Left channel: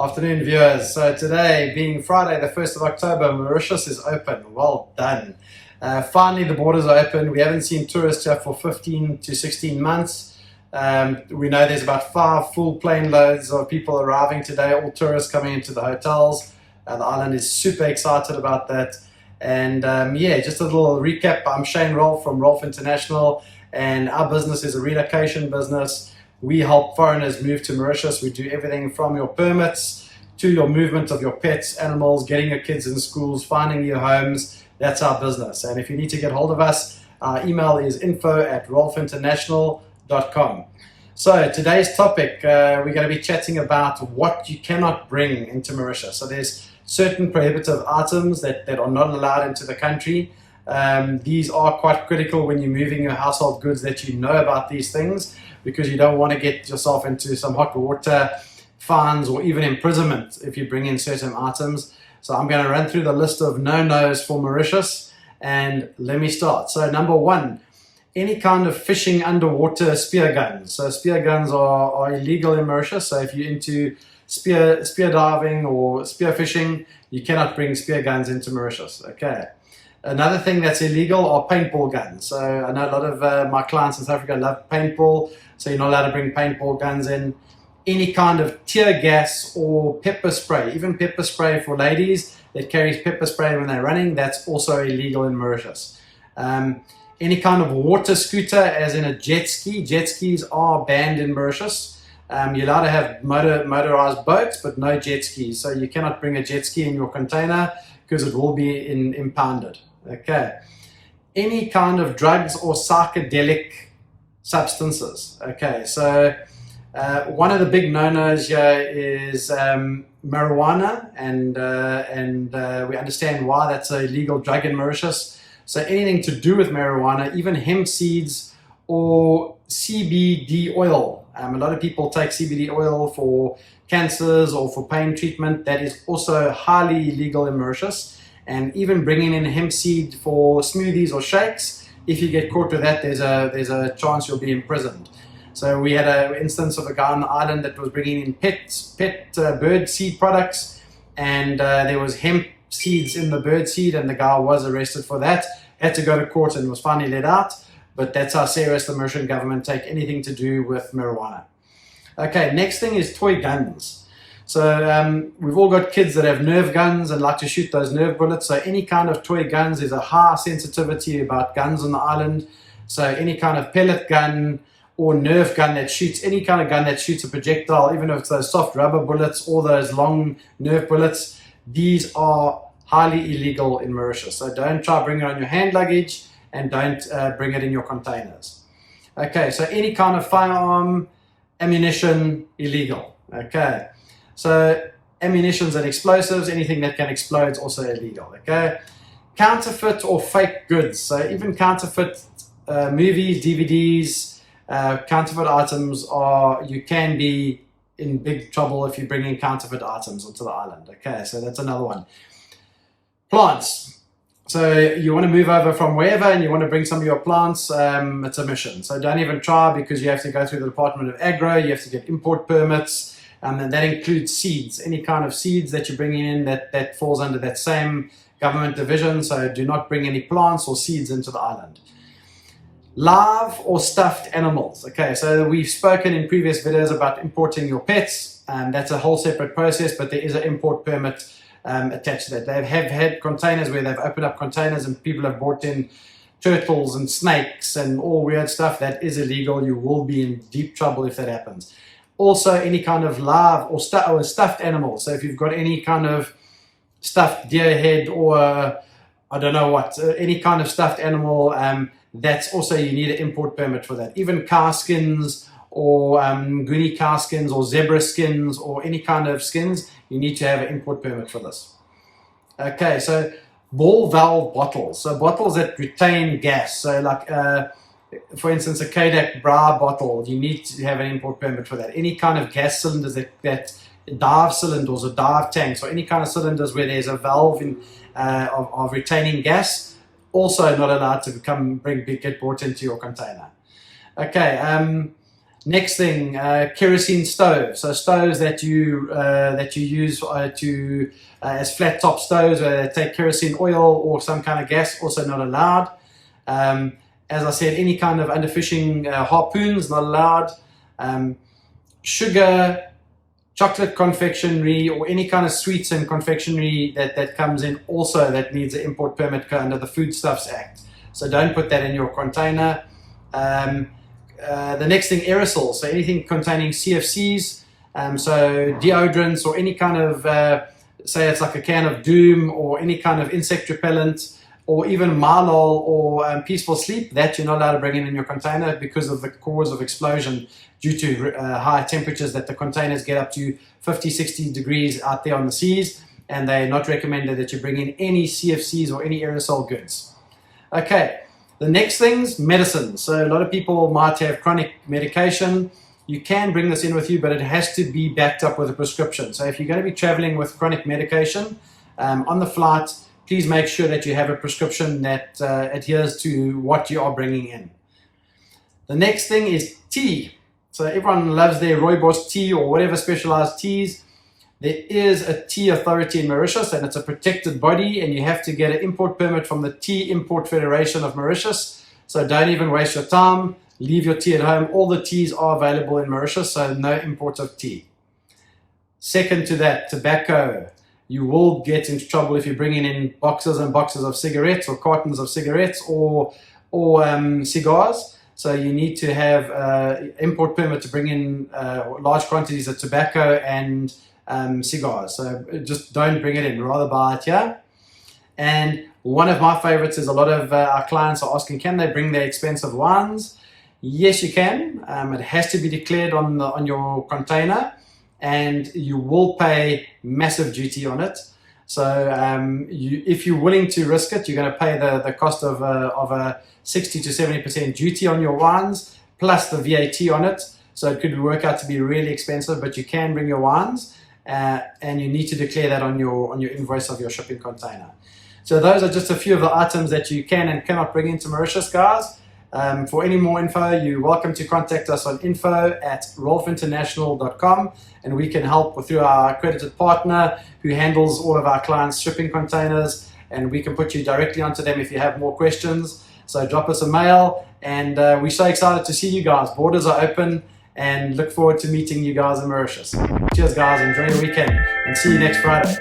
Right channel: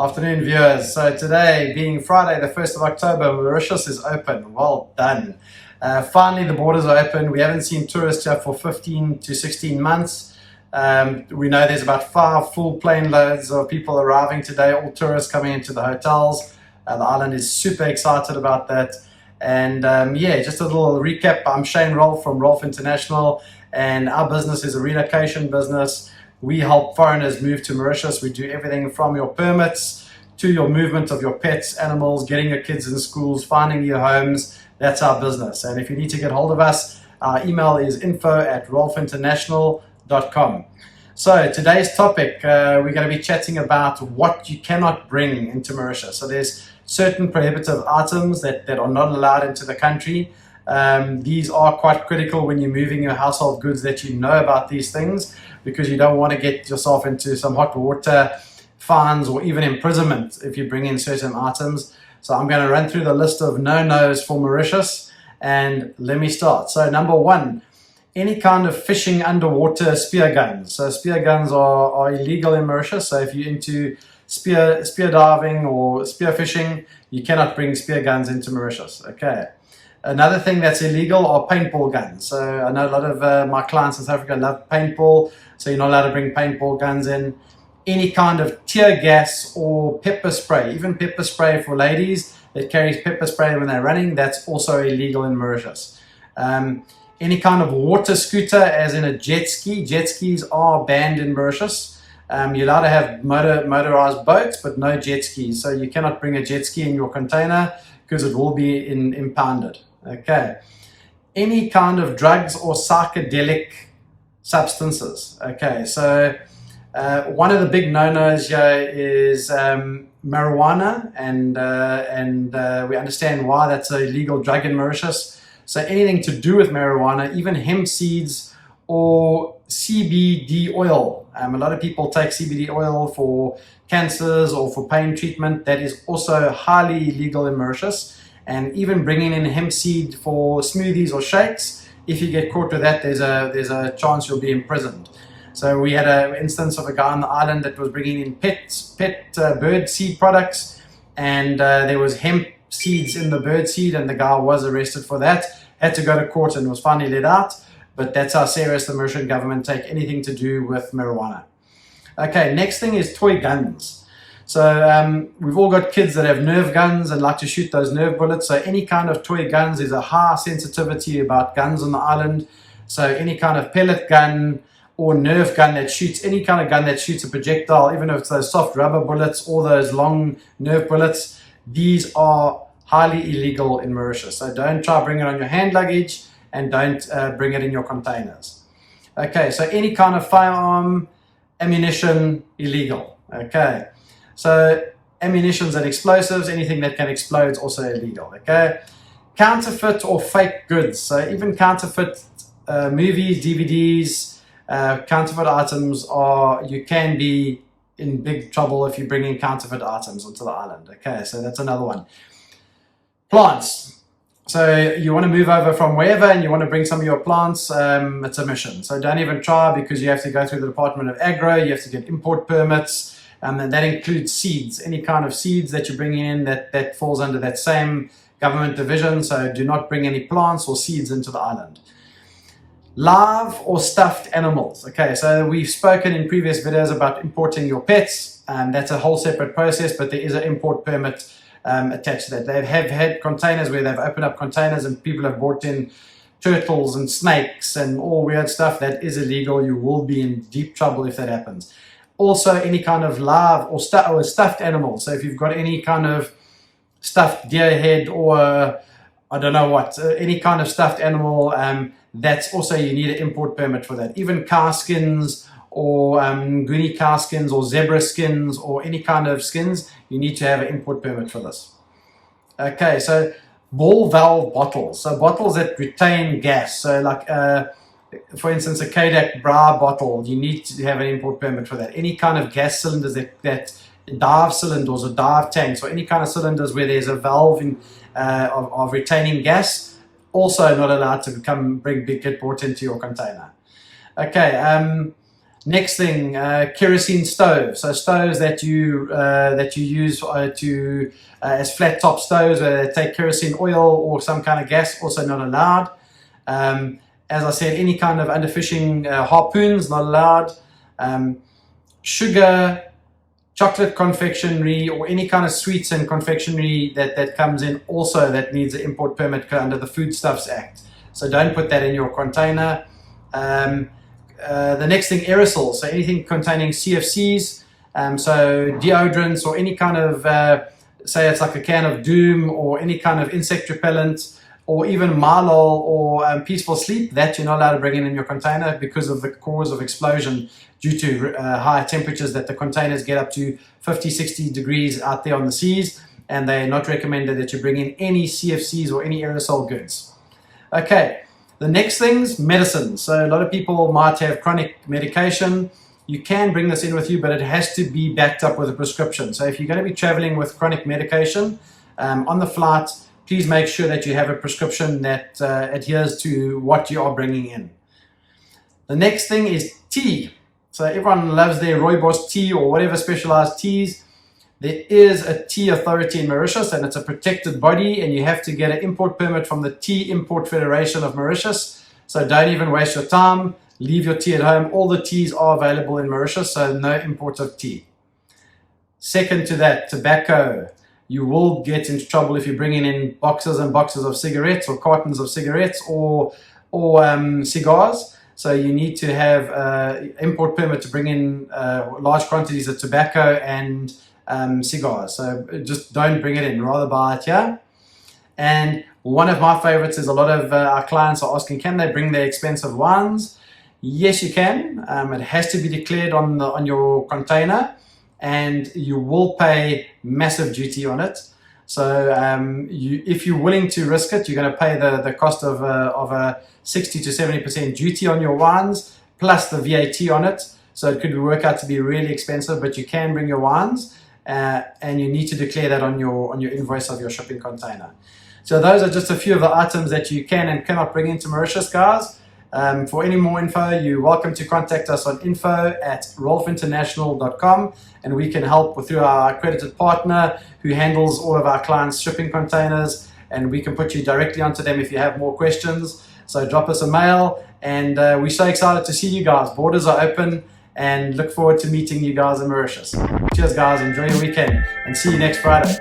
Afternoon, viewers. So today, being Friday, the 1st of October, Mauritius is open. Well done. Finally, the borders are open. We haven't seen tourists here for 15 to 16 months. We know there's about 5 full plane loads of people arriving today, all tourists coming into the hotels. The island is super excited about that. And just a little recap. I'm Shane Rolfe from Rolfe International, and our business is a relocation business. We help foreigners move to Mauritius. We do everything from your permits to your movement of your pets, animals, getting your kids in schools, finding your homes. That's our business. And if you need to get hold of us, our email is info@rolfeinternational.com. So today's topic, we're going to be chatting about what you cannot bring into Mauritius. So there's certain prohibitive items that are not allowed into the country. These are quite critical when you're moving your household goods, that you know about these things, because you don't want to get yourself into some hot water, fines, or even imprisonment if you bring in certain items. So I'm going to run through the list of no-nos for Mauritius, and let me start. So number 1, any kind of fishing underwater spear guns. So spear guns are illegal in Mauritius. So if you're into spear diving or spear fishing, you cannot bring spear guns into Mauritius. Okay. Another thing that's illegal are paintball guns. So I know a lot of my clients in South Africa love paintball, so you're not allowed to bring paintball guns in. Any kind of tear gas or pepper spray, even pepper spray for ladies that carries pepper spray when they're running, that's also illegal in Mauritius. Any kind of water scooter, as in a jet ski. Jet skis are banned in Mauritius. You're allowed to have motorized boats, but no jet skis. So you cannot bring a jet ski in your container because it will be impounded. Okay. Any kind of drugs or psychedelic substances. Okay, so one of the big no-nos here is marijuana, and we understand why that's an illegal drug in Mauritius. So anything to do with marijuana, even hemp seeds or CBD oil. A lot of people take CBD oil for cancers or for pain treatment. That is also highly illegal in Mauritius. And even bringing in hemp seed for smoothies or shakes, if you get caught with that, there's a chance you'll be imprisoned. So we had an instance of a guy on the island that was bringing in pet bird seed products, and there was hemp seeds in the bird seed, and the guy was arrested for that, had to go to court and was finally let out. But that's how serious the Mauritian government take anything to do with marijuana. Okay, next thing is toy guns. So we've all got kids that have nerve guns and like to shoot those nerve bullets. So any kind of toy guns, is a high sensitivity about guns on the island. So any kind of pellet gun or nerve gun that shoots, any kind of gun that shoots a projectile, even if it's those soft rubber bullets or those long nerve bullets, these are highly illegal in Mauritius. So don't try bring it on your hand luggage, and don't bring it in your containers. Okay, so any kind of firearm, ammunition, illegal. Okay, so ammunitions and explosives, anything that can explode is also illegal. Okay, counterfeit or fake goods. So even counterfeit movies, DVDs, counterfeit items you can be in big trouble if you bring in counterfeit items onto the island. Okay, so that's another one. Plants. So you want to move over from wherever and you want to bring some of your plants, it's a mission. So don't even try, because you have to go through the Department of Agro, you have to get import permits, and that includes seeds. Any kind of seeds that you bring in that falls under that same government division. So do not bring any plants or seeds into the island. Live or stuffed animals. Okay, so we've spoken in previous videos about importing your pets, and that's a whole separate process, but there is an import permit attached to that. They have had containers where they've opened up containers and people have brought in turtles and snakes and all weird stuff. That is illegal. You will be in deep trouble if that happens. Also, any kind of live or stuffed animals. So if you've got any kind of stuffed deer head or I don't know what, any kind of stuffed animal, that's also, you need an import permit for that. Even cow skins or goonie cow skins or zebra skins or any kind of skins, you need to have an import permit for this. Okay, so ball valve bottles. So bottles that retain gas. So like, for instance, a Kodak bra bottle, you need to have an import permit for that. Any kind of gas cylinders that dive cylinders or dive tanks, or any kind of cylinders where there's a valve of retaining gas, also not allowed to get brought into your container. Okay, Next thing, kerosene stove. So stoves that you use as flat top stoves, where they take kerosene oil or some kind of gas, also not allowed. As I said, any kind of underfishing harpoons, not allowed. Sugar, chocolate confectionery, or any kind of sweets and confectionery that comes in, also that needs an import permit under the Foodstuffs Act. So don't put that in your container. The next thing, aerosols. So anything containing CFCs, so deodorants or any kind of, say it's like a can of Doom or any kind of insect repellent, or even Marlol or Peaceful Sleep, that you're not allowed to bring in your container because of the cause of explosion due to high temperatures that the containers get up to 50, 60 degrees out there on the seas, and they're not recommended that you bring in any CFCs or any aerosol goods. Okay, the next thing's medicines. So a lot of people might have chronic medication. You can bring this in with you, but it has to be backed up with a prescription. So if you're going to be traveling with chronic medication on the flight, please make sure that you have a prescription that adheres to what you are bringing in. The next thing is tea. So everyone loves their rooibos tea or whatever specialized teas. There is a tea authority in Mauritius, and it's a protected body, and you have to get an import permit from the Tea Import Federation of Mauritius. So don't even waste your time. Leave your tea at home. All the teas are available in Mauritius, so no import of tea. Second to that, tobacco. You will get into trouble if you're bringing in boxes and boxes of cigarettes or cartons of cigarettes or cigars. So you need to have an import permit to bring in large quantities of tobacco and cigars. So just don't bring it in, rather buy it here. And one of my favorites is a lot of our clients are asking, can they bring their expensive wines? Yes, you can. It has to be declared on your container, and you will pay massive duty on it. So if you're willing to risk it, you're going to pay the cost of a 60 to 70% duty on your wines, plus the VAT on it. So it could work out to be really expensive, but you can bring your wines, and you need to declare that on your invoice of your shipping container. So those are just a few of the items that you can and cannot bring into Mauritius, guys. For any more info, you're welcome to contact us on info@rolfeinternational.com, and we can help through our accredited partner who handles all of our clients' shipping containers, and we can put you directly onto them if you have more questions. So drop us a mail, and we're so excited to see you guys. Borders are open, and look forward to meeting you guys in Mauritius. Cheers, guys. Enjoy your weekend, and see you next Friday.